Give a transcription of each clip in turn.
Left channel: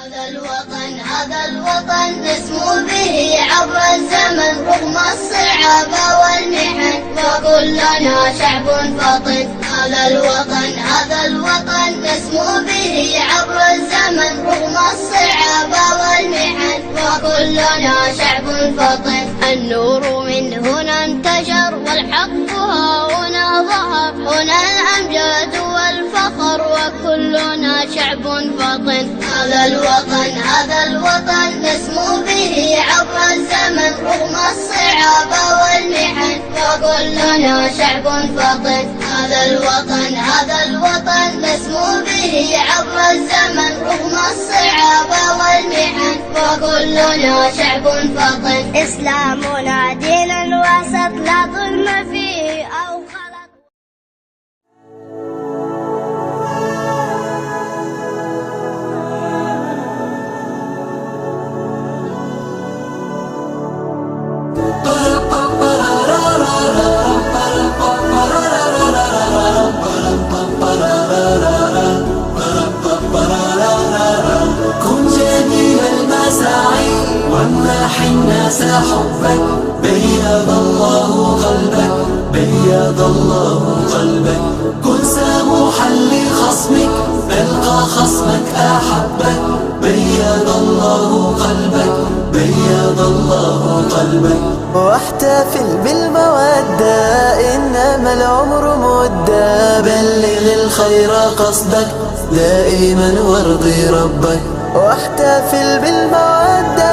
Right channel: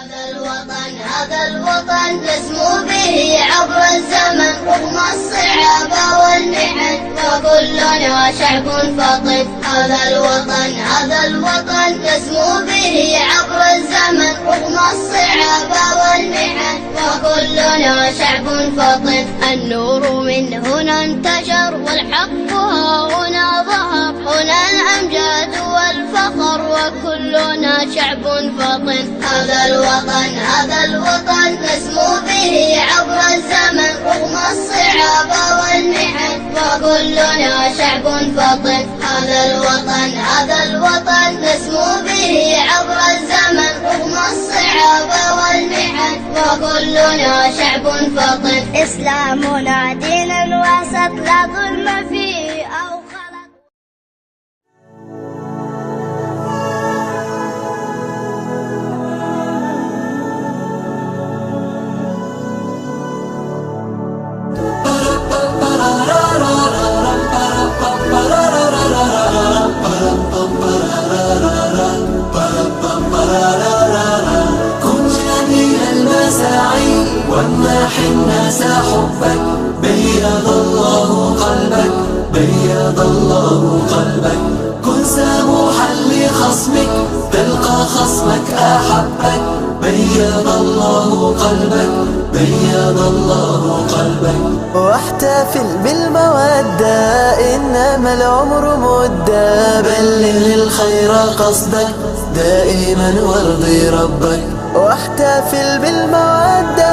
هذا الوطن نسمو به عبر الزمن رغم الصعاب والمحن وكلنا شعب فطن. هذا الوطن نسمو به عبر الزمن رغم الصعاب والمحن وكلنا شعب فطن. النور من هنا انتشر والحق ها هنا ظهر، هنا الأمجاد والفخر وكلنا شعب فطن. هذا الوطن نسمو به عبر الزمن رغم الصعاب والمحن وكلنا شعب فطن. هذا الوطن نسمو به عبر الزمن رغم الصعاب والمحن وكلنا شعب فطن. إسلامنا دين وسط لا ظلم فيه أو خلط. كن جميل المساعي وامنح الناس حبك، بيض الله قلبك، بيض الله قلبك. كن سموحا لخصمك تلقى خصمك أحبك، بيض الله قلبك، بيض الله قلبك. واحتفل بالمودة إنما العمر مدة، بلغ الخير قصدك دائما وارضي ربك. واحتفل بالمودة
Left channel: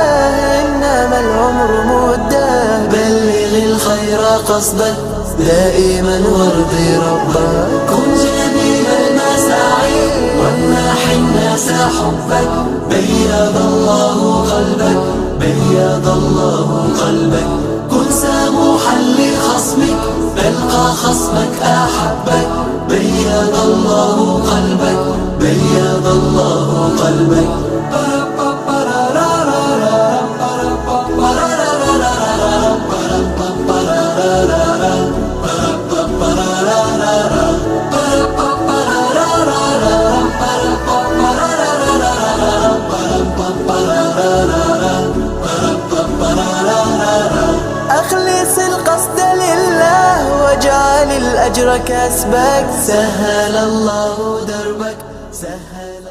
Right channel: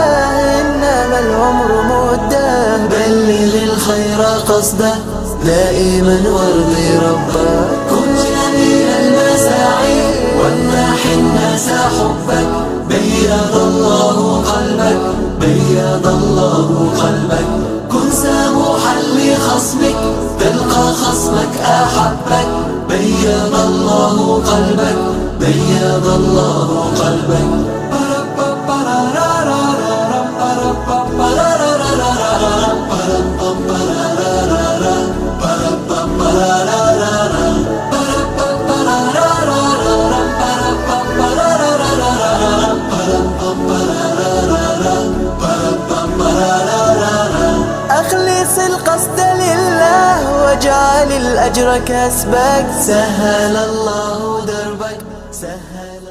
إنما العمر مدة، بلغ الخير قصدك دائما وارضي ربك. كن جميل المساعي وامنح الناس حبك، بيض الله قلبك، بيض الله قلبك. كن سموحا لخصمك تلقى خصمك أحبك، بيض الله قلبك، بيض الله قلبك. أخلص القصد لله واجعل الأجر كسبك، سهل الله دربك، سهل